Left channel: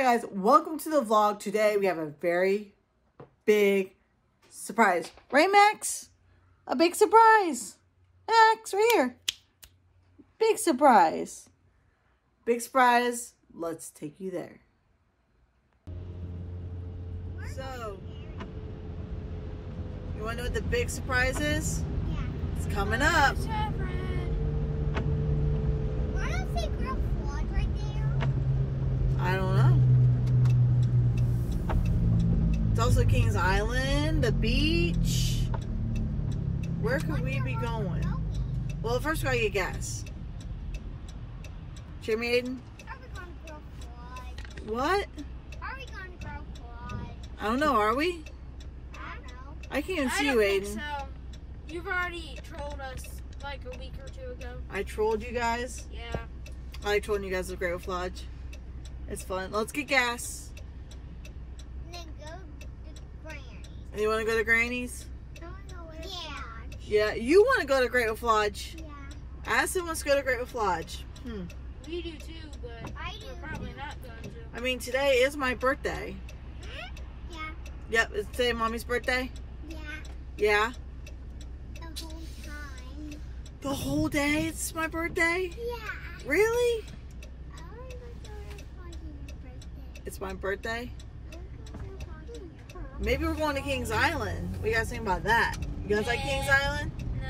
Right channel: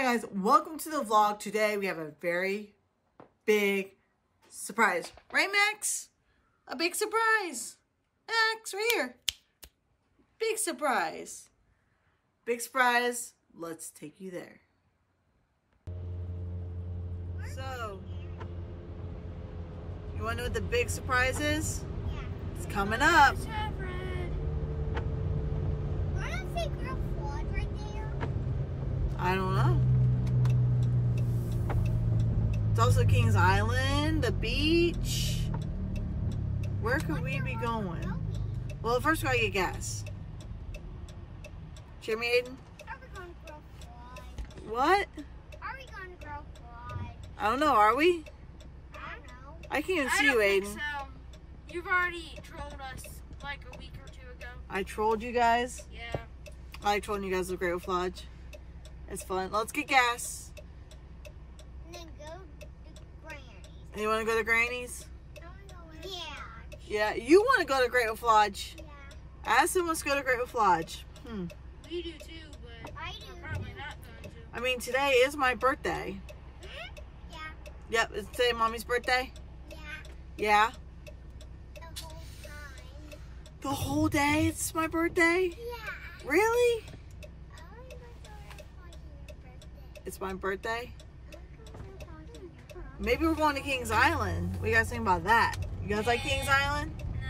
Hi guys, welcome to the vlog. Today we have a very big surprise. Right, Max? A big surprise. Max, right here. Big surprise. Big surprise. Let's take you there. So, you want to know what the big surprise is? Yeah. It's coming up. I don't know. It's also Kings Island, the beach. Where could we be going? Well, first we gotta get gas. Hear me, Aiden? What? Are we going to go fly? I don't know, are we? I don't know. I can't even I see you, don't think Aiden. so. You've already trolled us like a week or two ago. I trolled you guys. Yeah. I like trolling you guys with Great Wolf Lodge. It's fun. Let's get gas. And then go to Granny's. And you want to go to Granny's? Yeah. Yeah, you want to go to Great Wolf Lodge. Yeah. Addison wants to go to Great Wolf Lodge. We do too, but we're probably not going to. I mean, today is my birthday. Yeah. Yep, is today Mommy's birthday? Yeah. Yeah. The whole time. The whole day it's my birthday? Yeah. Really? I want to go to your birthday. It's my birthday? Maybe we're going to Kings Island. What do you guys think about that? You guys like Kings Island? No.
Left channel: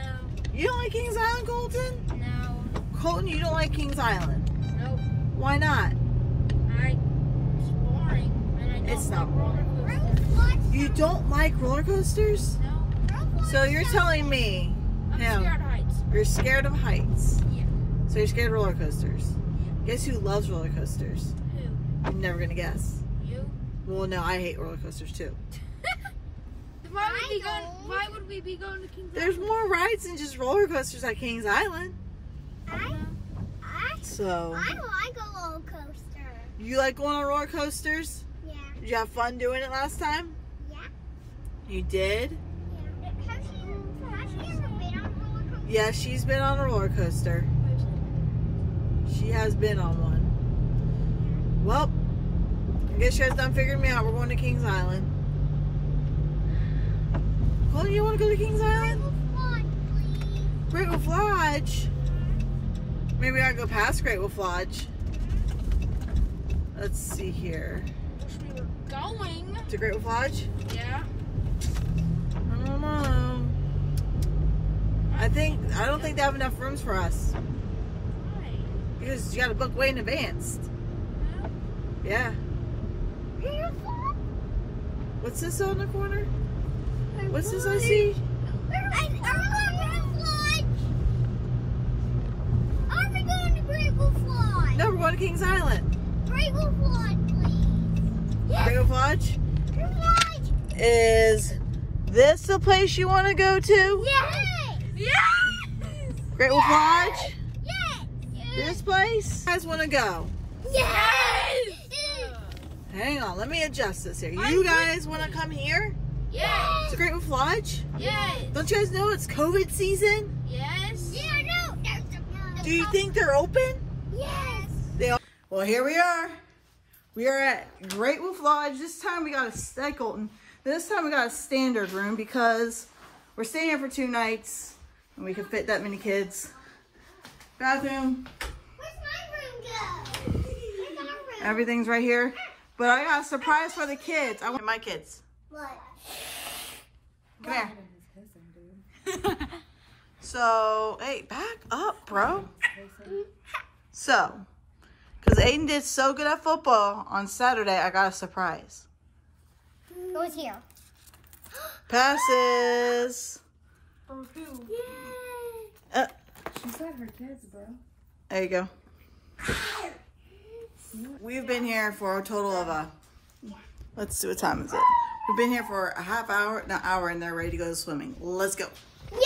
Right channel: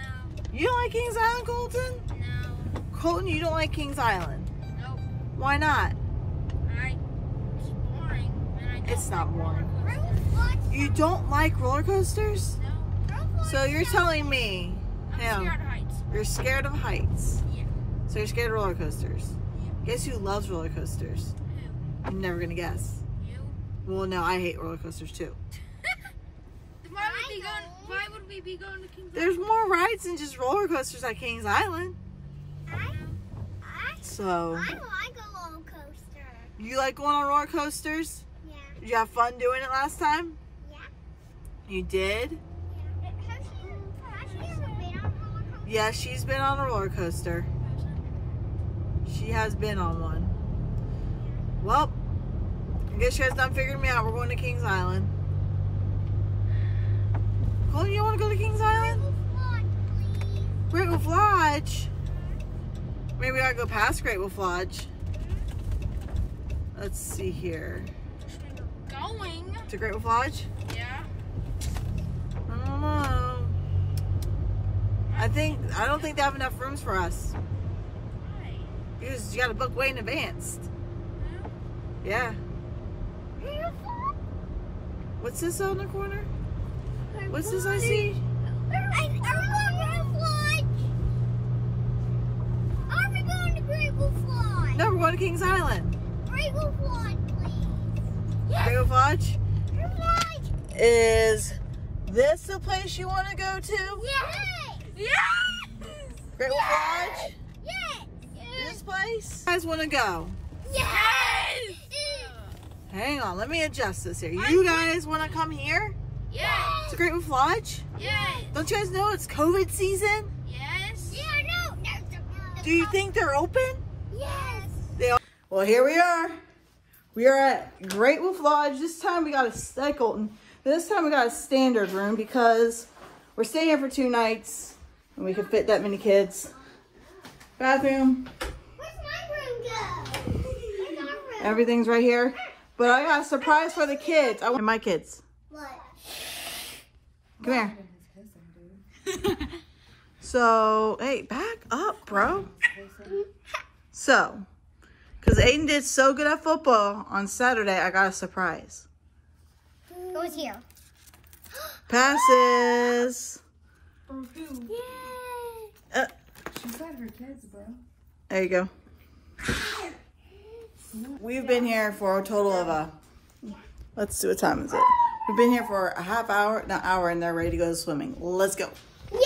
You don't like Kings Island, Colton? No. Colton, you don't like Kings Island? Nope. Why not? It's boring. And I don't It's not like roller boring. coasters. You don't like roller coasters? No. So you're telling me I'm scared of heights. you're scared of heights. Yeah. So you're scared of roller coasters. Guess who loves roller coasters? Who? I'm never gonna guess. You? Well, no, I hate roller coasters too. Why would we be going to Kings There's Island? more rides than just roller coasters at Kings Island. So, I like a roller coaster. you like going on roller coasters? Yeah. Did you have fun doing it last time? Yeah. You did? Yeah. Has she ever been on a roller coaster? Yeah, she's been on a roller coaster. She has been on one. Well, I guess you guys done figuring me out. We're going to Kings Island. Oh, you want to go to Kings Island? Great Wolf Lodge. Maybe I go past Great Wolf Lodge. Let's see here. Wish we were going. To Great Wolf Lodge? Yeah. I don't know. I don't think they have enough rooms for us. Why? Because you got to book way in advance. Yeah. What's this on the corner? What's this I see? Are we going to Great Wolf Lodge? No, we're going to Kings Island. Great Wolf Lodge, please. Great Wolf Lodge? Great Wolf Lodge. Is this the place you want to go to? Yes. Yes! Great Wolf Lodge? Yes. This place? You guys want to go? Yes. Hang on, let me adjust this here. You guys want to come here Yes! to Great Wolf Lodge? Yes! Don't you guys know it's COVID season? Yes! Yeah, no. Do you think they're open? Yes. They are. Well, here we are. We are at Great Wolf Lodge. This time we got a Colton. This time we got a standard room because we're staying here for 2 nights and we can fit that many kids. Bathroom. Where's my room go? Where's our room? Everything's right here. But I got a surprise for the kids. I want my kids. What? Come here. So, hey, back up, bro. So, because Aiden did so good at football on Saturday, I got a surprise. Goes here. Passes. Yay. She's got her kids, bro. There you go. We've been here for a total of let's see, what time is it? We've been here for a half hour, an hour, and they're ready to go to swimming. Let's go. Yes.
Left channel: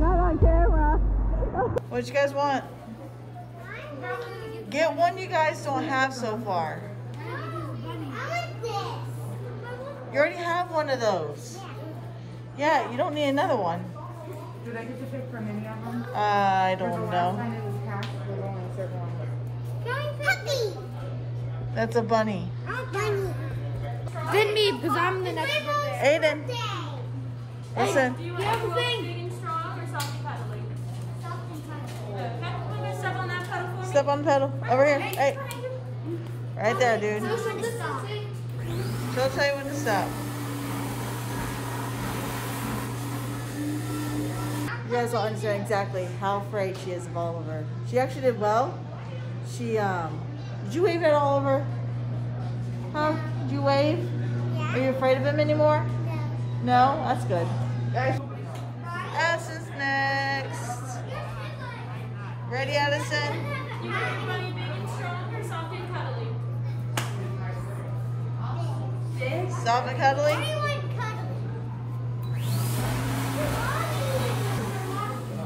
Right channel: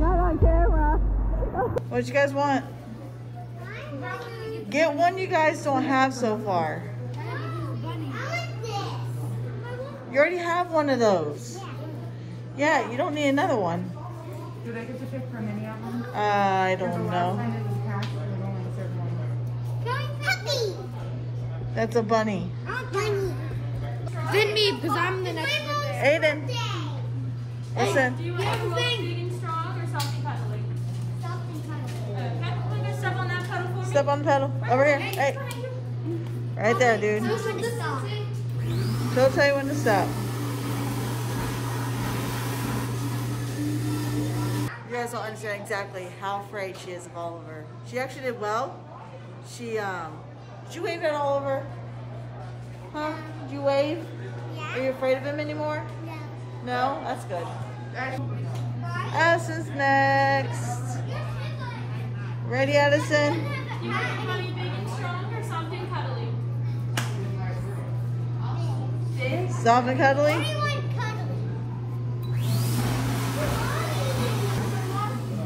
Not on camera. What you guys want? Get one you guys don't have so far. You already have one of those. Yeah, you don't need another one. Do I get to pick from any of them? I don't know. Puppy. That's a bunny. Oh, bunny. Then me, because I'm the next one. Aiden, listen. Do you want to eating strong or soft and cuddly? Okay, step on that pedal for me. Step on the pedal. Over here. Hey. Right there, dude. She'll tell you when to stop. You guys don't understand exactly how afraid she is of Oliver. She actually did well. She, did you wave at Oliver? Huh? Did you wave? Yeah. Are you afraid of him anymore? No. No? That's good. Addison's next. Ready, Addison? Do you want to big and strong or soft and cuddly? Soft and cuddly? I want cuddle.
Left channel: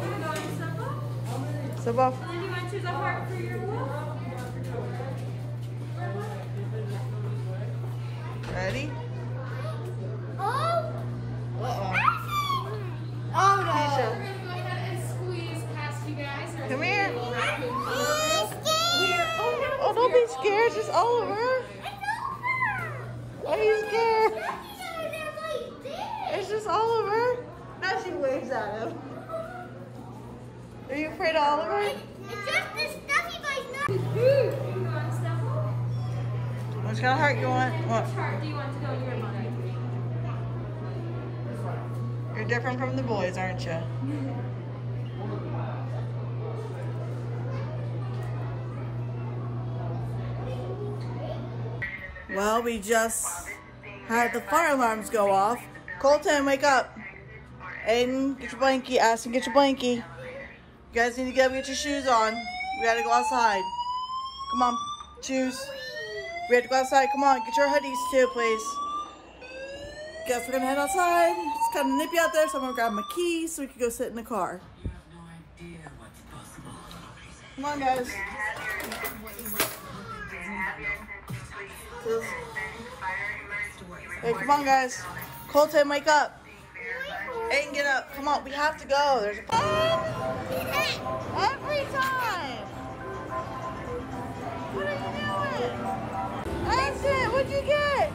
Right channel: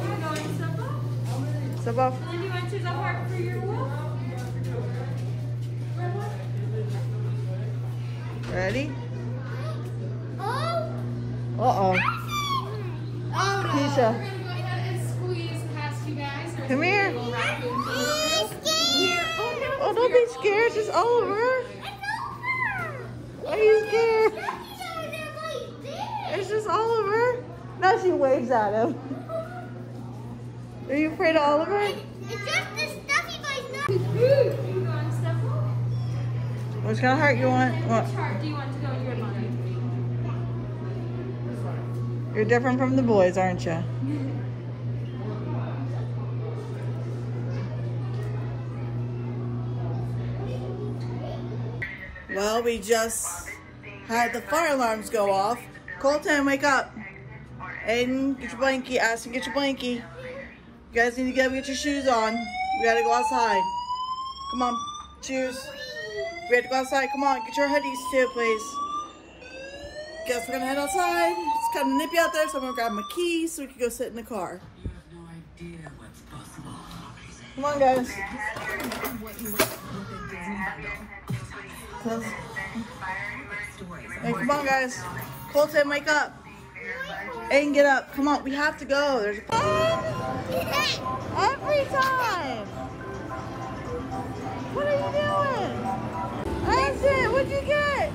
You want to go and step up? Step off. And then you enter the heart for your wolf. Ready? Oh. Uh-oh. Oh, Keisha, We're gonna go ahead and squeeze past you guys. come here. no. Oh, don't be scared. It's just Oliver. Are you scared? It's just Oliver. Now she waves at him. Are you afraid of Oliver? It's just the stuff you guys know. You can go and step up. What kind of heart you want? Which heart do you want to go in your body? You're different from the boys, aren't you? Well, we just had the fire alarms go off. Colton, wake up. Aiden, get your blankie. Addison, get your blankie. You guys need to get your shoes on. We gotta go outside. Come on, shoes. We have to go outside. Come on, get your hoodies too, please. Guess we're gonna head outside. It's kind of nippy out there, so I'm gonna grab my keys so we can go sit in the car. Come on, guys. Close. Hey, come on, guys. Colton, wake up. Aiden, get up. Come on, we have to go. There's every time. What are you doing? Addison, what'd you get?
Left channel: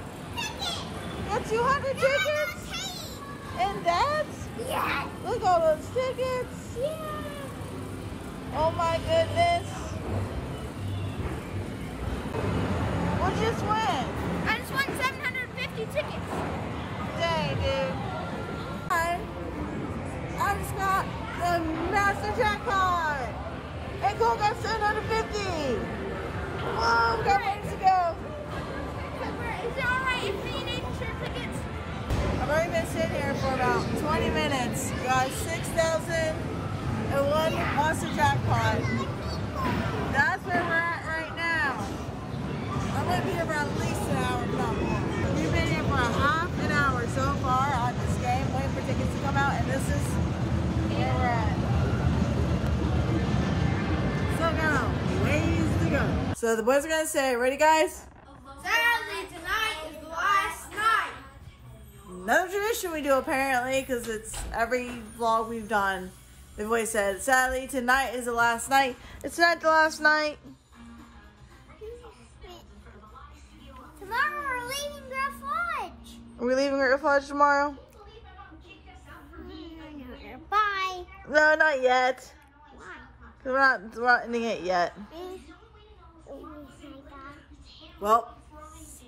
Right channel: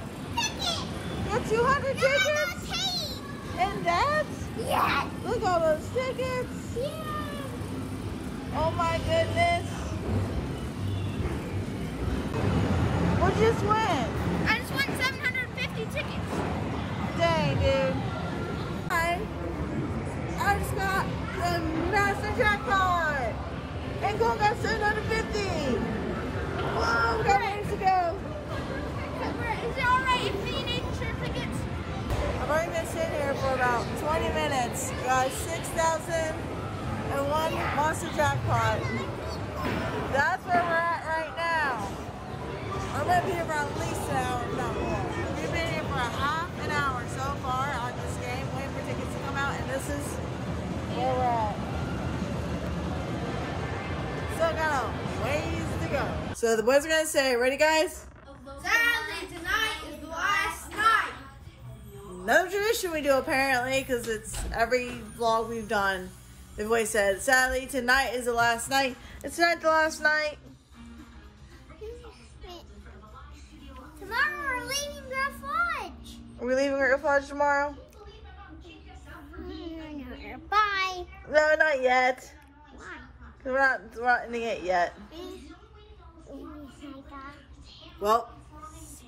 Got 200 tickets? And that's? Yeah. Look at all those tickets. Oh my goodness. What'd you just win? I just won 750 tickets. Dang, dude. I just got the master jackpot. And Cole got 750. Wow, got ways to go. Is it alright if they need extra tickets? I've already been sitting here for about 20 minutes. Got 6,001 monster jackpot. That's where we're at right now. I'm gonna be here for at least an hour, if not more. We've been here for a half an hour so far on this game, waiting for tickets to come out, and this is where we're at. Still got ways to go. So the boys are gonna say, ready guys? Saturday tonight is the last night. Another tradition we do apparently, because it's every vlog we've done. The voice said, sadly, tonight is the last night. It's not the last night. Tomorrow we're leaving Grand Lodge. Are we leaving Great Lodge tomorrow? Bye. No, not yet. Why? We're not ending it yet. Well,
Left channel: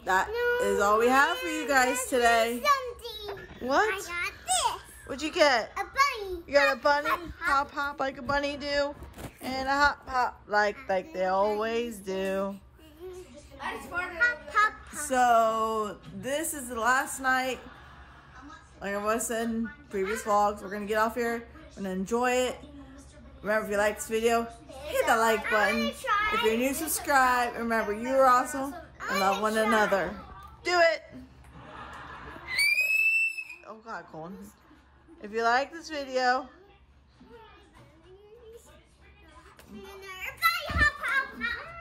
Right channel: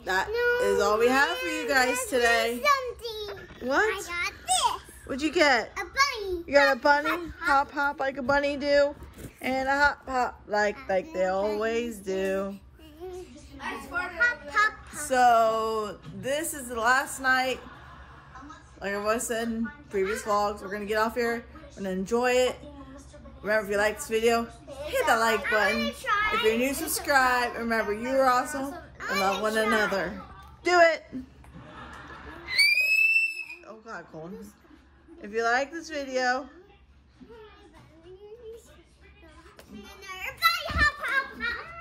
that is all we have for you guys today. Something. What? I got this. What'd you get? A bunny. You got a bunny? Hop, hop like a bunny do. And a hop, hop like they always do. Hop, hop, hop. So this is the last night. Like I was said in previous vlogs, we're gonna get off here. We're gonna enjoy it. Remember, if you like this video, hit that like button. If you're new, subscribe. Remember, you are awesome and love one another. Do it. Oh God, Colin. If you like this video, Everybody hop, hop, hop.